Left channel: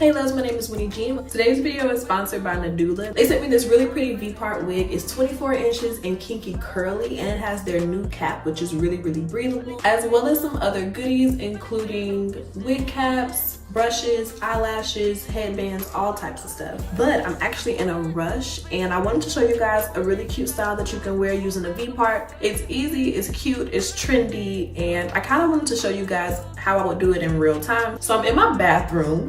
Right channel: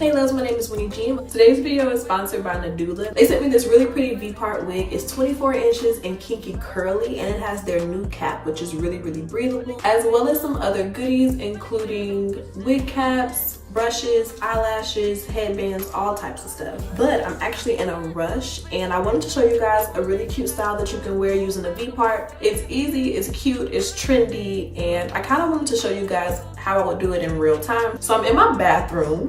Hey loves, my name is Winnie G. Today's video is sponsored by Nadula. They sent me this really pretty Vpart wig. It's 24 inches and kinky curly, and it has their new cap, which is really breathable, as well as some other goodies, including wig caps, brushes, eyelashes, headbands, all types of stuff. But I'm actually in a rush and I wanted to show you guys a really cute style that you can wear using a Vpart. It's easy, it's cute, it's trendy, and I kind of wanted to show you guys how I would do it in real time. So I'm in my bathroom,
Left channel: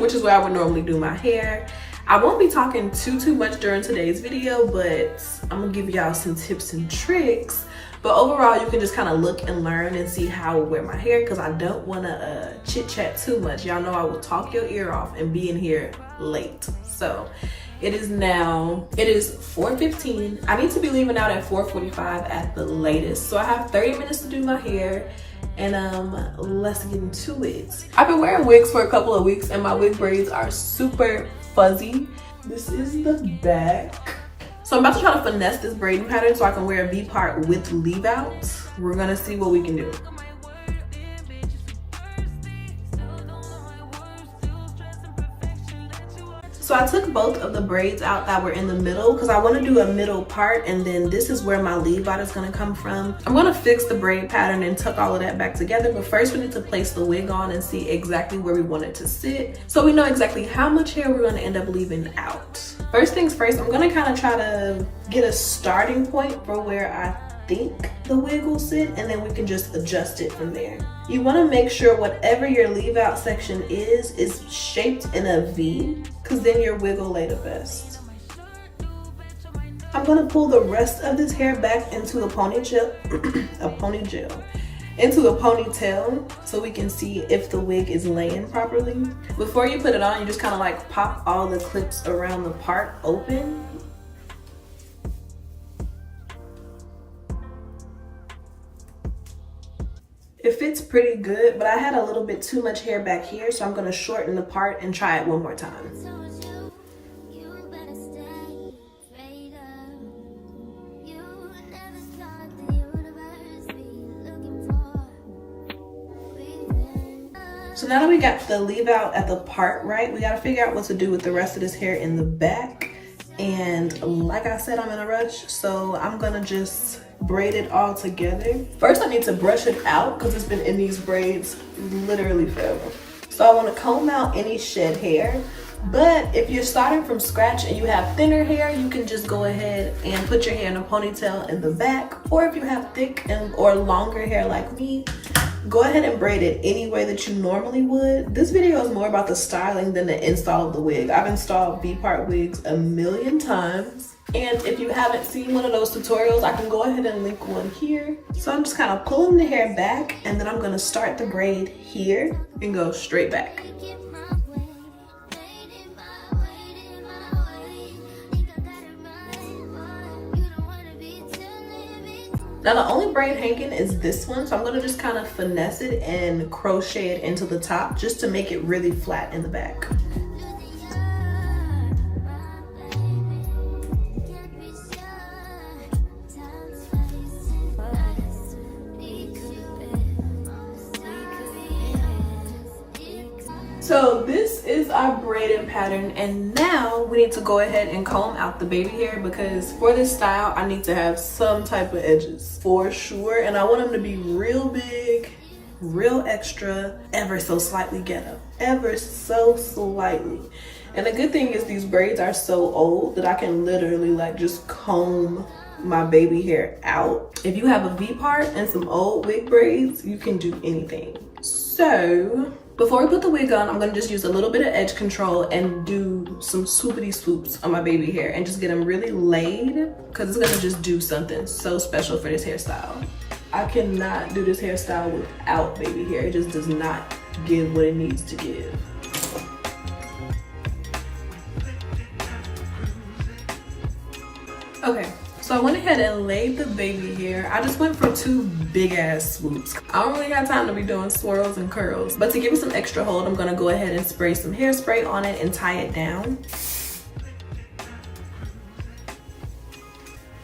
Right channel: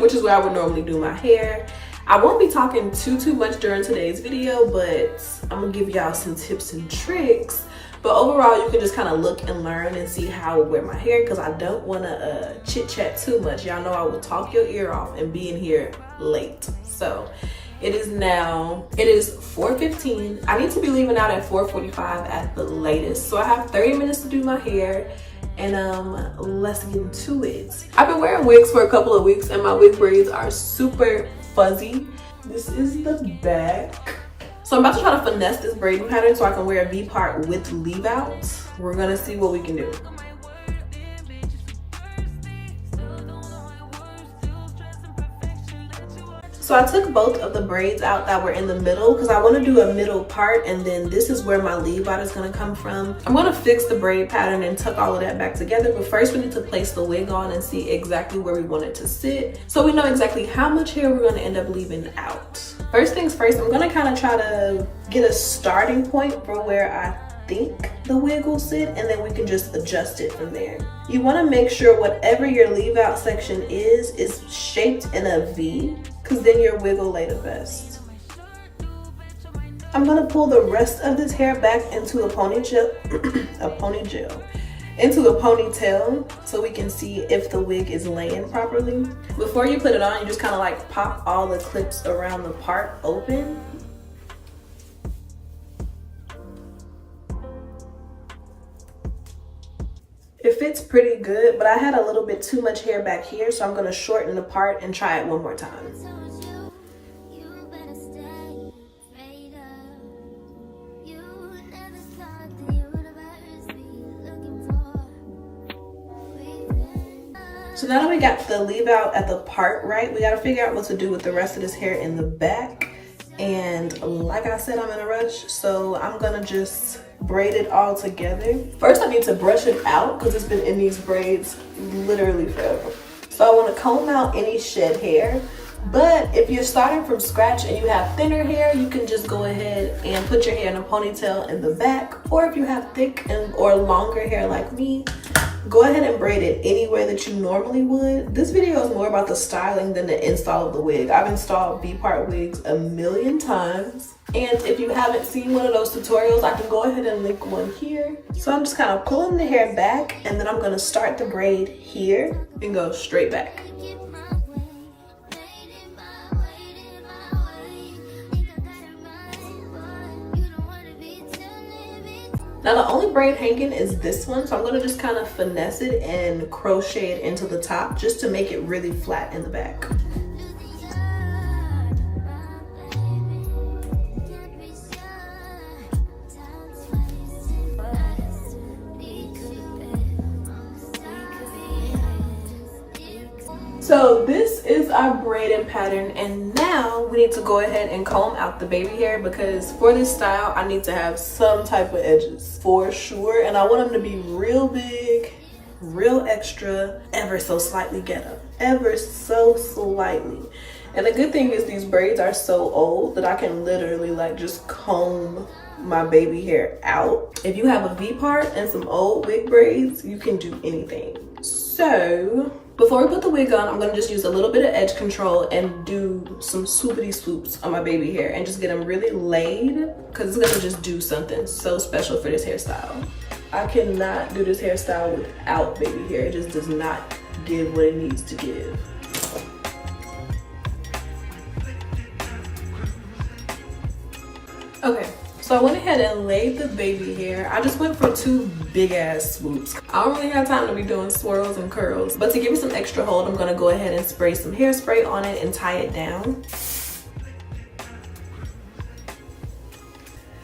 which is where I would normally do my hair. I won't be talking too much during today's video, but I'm gonna give y'all some tips and tricks. But overall, you can just kind of look and learn and see how I wear my hair, because I don't want to chit chat too much. Y'all know I will talk your ear off and be in here late. So it is 4:15. I need to be leaving out at 4:45 at the latest. So I have 30 minutes to do my hair, and let's get into it. I've been wearing wigs for a couple of weeks and my wig braids are super fuzzy. This is the back. So I'm about to try to finesse this braiding pattern so I can wear a V-part with leave out. We're gonna see what we can do. So I took both of the braids out that were in the middle because I want to do a middle part, and then this is where my leave out is going to come from. I'm going to fix the braid pattern and tuck all of that back together, but first we need to place the wig on and see exactly where we want it to sit, so we know exactly how much hair we're going to end up leaving out. First things first, I'm going to kind of try to get a starting point for where I think the wig will sit, and then we can just adjust it from there. You want to make sure whatever your leave out section is shaped in a V, because then your wig will lay the best. I'm going to pull the rest of this hair back into a ponytail, into a ponytail, so we can see if the wig is laying properly. Before you put it on, you just kind of like pop all the clips around the part open. It fits pretty good, but I had a little bit too much hair back here, so I'm going to shorten the part and try it one more time. So now that we got the leave out at the part right, we got to figure out what to do with the rest of this hair in the back. And like I said, I'm in a rush, so I'm going to just braid it all together. First, I need to brush it out because it's been in these braids literally forever. So I want to comb out any shed hair. But if you're starting from scratch and you have thinner hair, you can just go ahead and put your hair in a ponytail in the back. Or if you have thick or longer hair like me, go ahead and braid it any way that you normally would. This video is more about the styling than the install of the wig. I've installed V-part wigs a million times. And if you haven't seen one of those tutorials, I can go ahead and link one here. So I'm just kind of pulling the hair back, and then I'm going to start the braid here and go straight back. Now the only braid hanging is this one, so I'm going to just kind of finesse it and crochet it into the top just to make it really flat in the back. So this is our braiding pattern, and now we need to go ahead and comb out the baby hair, because for this style I need to have some type of edges for sure, and I want them to be real big, real extra, ever so slightly ghetto, ever so slightly. And the good thing is these braids are so old that I can literally like just comb my baby hair out. If you have a V-part and some old wig braids, you can do anything. So before we put the wig on, I'm gonna just use a little bit of edge control and do some swoopity swoops on my baby hair and just get them really laid, because it's gonna just do something so special for this hairstyle. I cannot do this hairstyle without baby hair. It just does not give what it needs to give. Okay. So I went ahead and laid the baby hair. I just went for 2 big ass swoops. I don't really have time to be doing swirls and curls, but to give it some extra hold, I'm gonna go ahead and spray some hairspray on it and tie it down.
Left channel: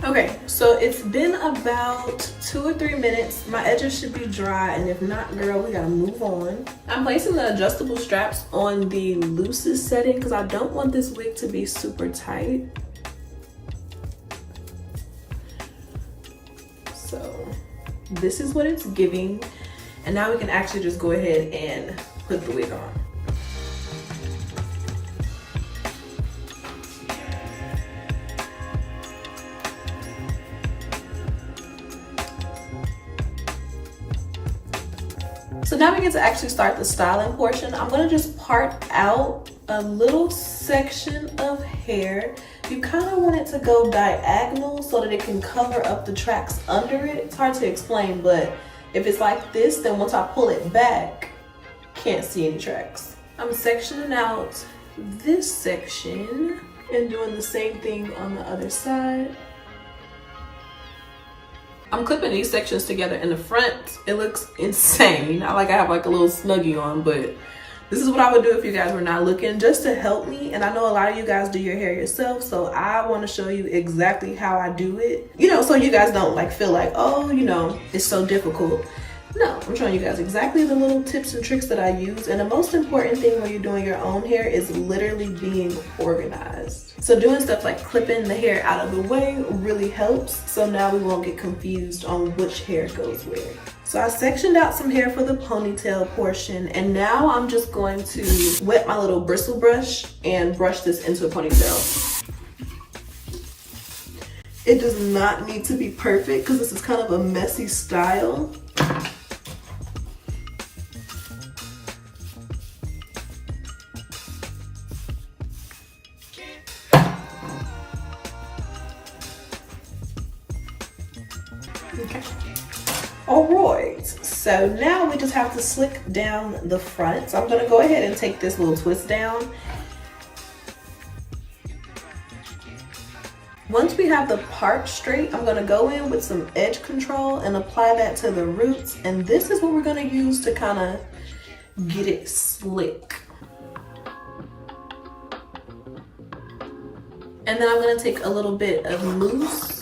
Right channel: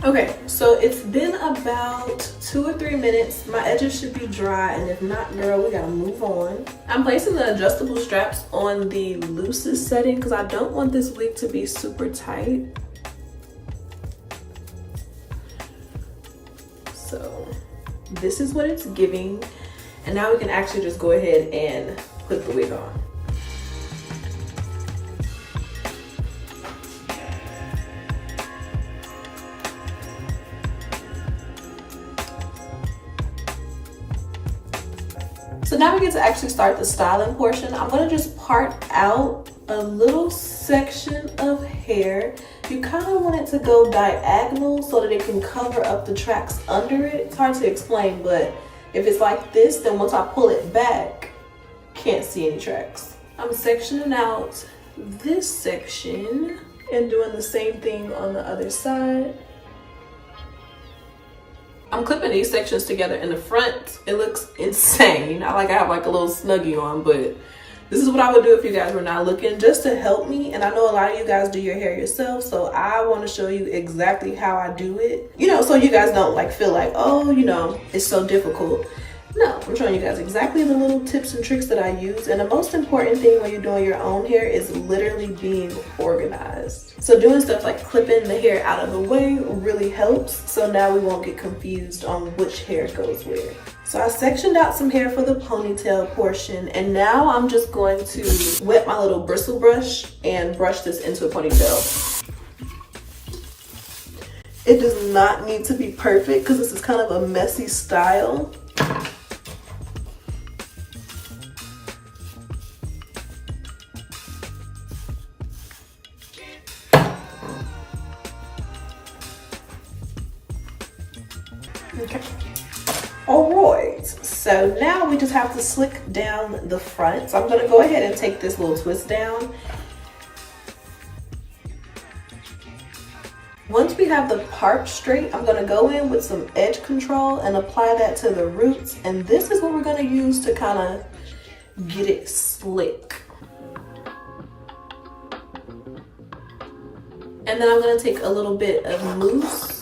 Okay, so it's been about 2 or 3 minutes. My edges should be dry, and if not, girl, we gotta move on. I'm placing the adjustable straps on the loosest setting because I don't want this wig to be super tight. So this is what it's giving. And now we can actually just go ahead and put the wig on. So now we get to actually start the styling portion. I'm gonna just part out a little section of hair. You kind of want it to go diagonal so that it can cover up the tracks under it. It's hard to explain, but if it's like this, then once I pull it back, can't see any tracks. I'm sectioning out this section and doing the same thing on the other side. I'm clipping these sections together in the front. It looks insane. I have like a little snuggie on, but this is what I would do if you guys were not looking, just to help me. And I know a lot of you guys do your hair yourself, so I want to show you exactly how I do it. You know, so you guys don't like feel like, oh, you know, it's so difficult. No, I'm showing you guys exactly the little tips and tricks that I use. And the most important thing when you're doing your own hair is literally being organized. So doing stuff like clipping the hair out of the way really helps. So now we won't get confused on which hair goes where. So I sectioned out some hair for the ponytail portion, and now I'm just going to wet my little bristle brush and brush this into a ponytail. It does not need to be perfect because this is kind of a messy style. Okay. Alright, so now we just have to slick down the front. So I'm gonna go ahead and take this little twist down. Once we have the part straight, I'm gonna go in with some edge control and apply that to the roots. And this is what we're gonna use to kind of get it slick. And then I'm gonna take a little bit of mousse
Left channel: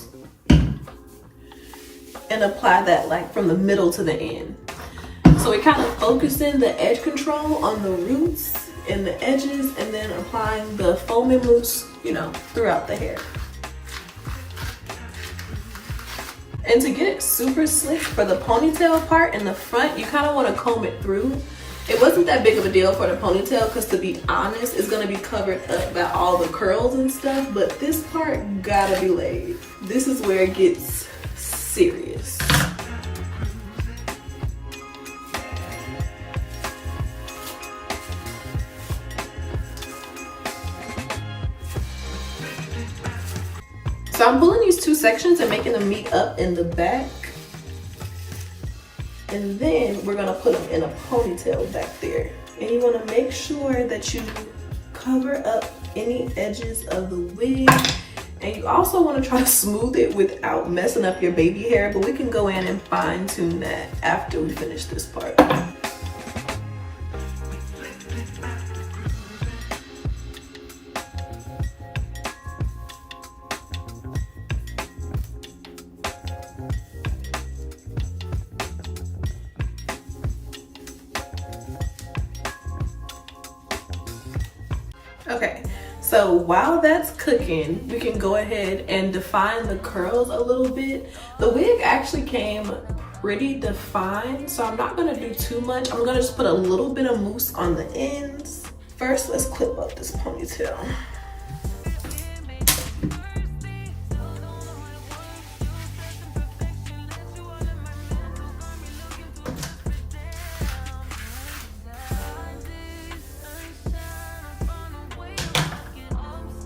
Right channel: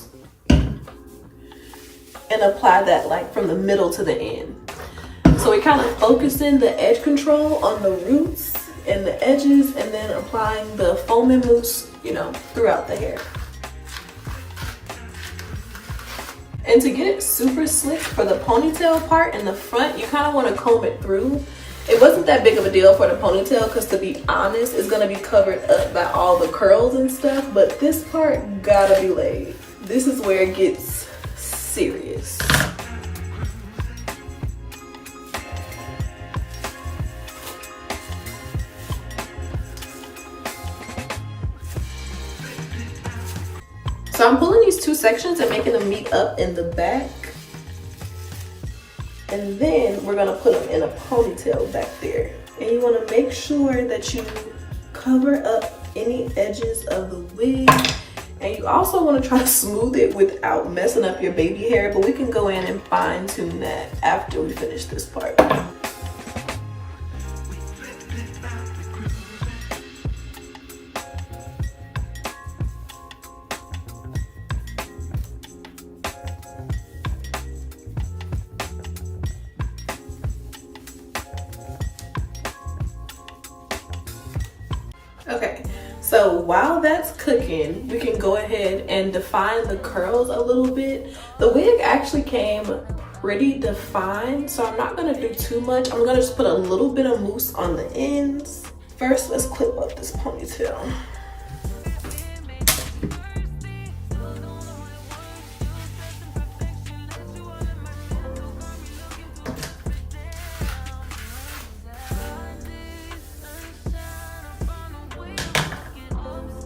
and apply that like from the middle to the end. So we're kind of focusing the edge control on the roots and the edges, and then applying the foam and mousse, you know, throughout the hair. And to get it super slick for the ponytail part in the front, you kind of want to comb it through. It wasn't that big of a deal for the ponytail because, to be honest, it's going to be covered up by all the curls and stuff, but this part gotta be laid. This is where it gets serious. So I'm pulling these two sections and making them meet up in the back. And then we're gonna put them in a ponytail back there. And you wanna make sure that you cover up any edges of the wig. And you also wanna try to smooth it without messing up your baby hair, but we can go in and fine tune that after we finish this part. Okay, so while that's cooking, we can go ahead and define the curls a little bit. The wig actually came pretty defined, so I'm not gonna do too much. I'm gonna just put a little bit of mousse on the ends. First, let's clip up this ponytail.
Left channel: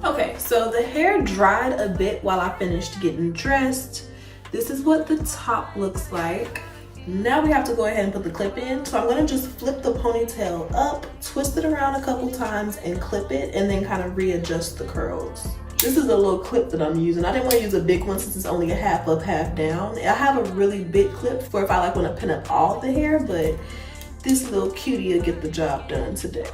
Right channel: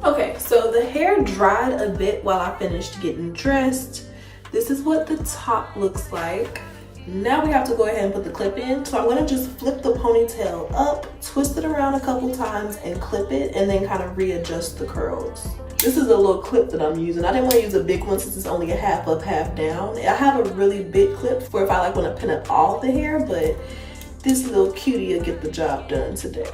Okay, so the hair dried a bit while I finished getting dressed. This is what the top looks like. Now we have to go ahead and put the clip in. So I'm gonna just flip the ponytail up, twist it around a couple times and clip it, and then kind of readjust the curls. This is a little clip that I'm using. I didn't want to use a big one since it's only a half up, half down. I have a really big clip for if I like want to pin up all the hair, but this little cutie will get the job done today.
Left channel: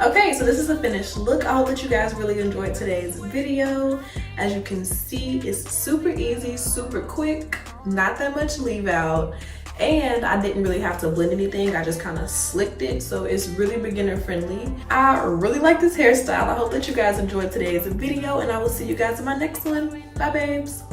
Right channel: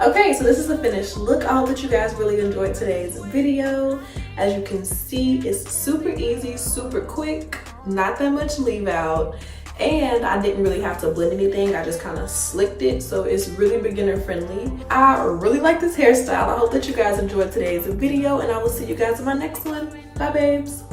Okay, so this is a finished look. I hope that you guys really enjoyed today's video. As you can see, it's super easy, super quick, not that much leave out, and I didn't really have to blend anything. I just kind of slicked it, so it's really beginner friendly. I really like this hairstyle. I hope that you guys enjoyed today's video, and I will see you guys in my next one. Bye, babes.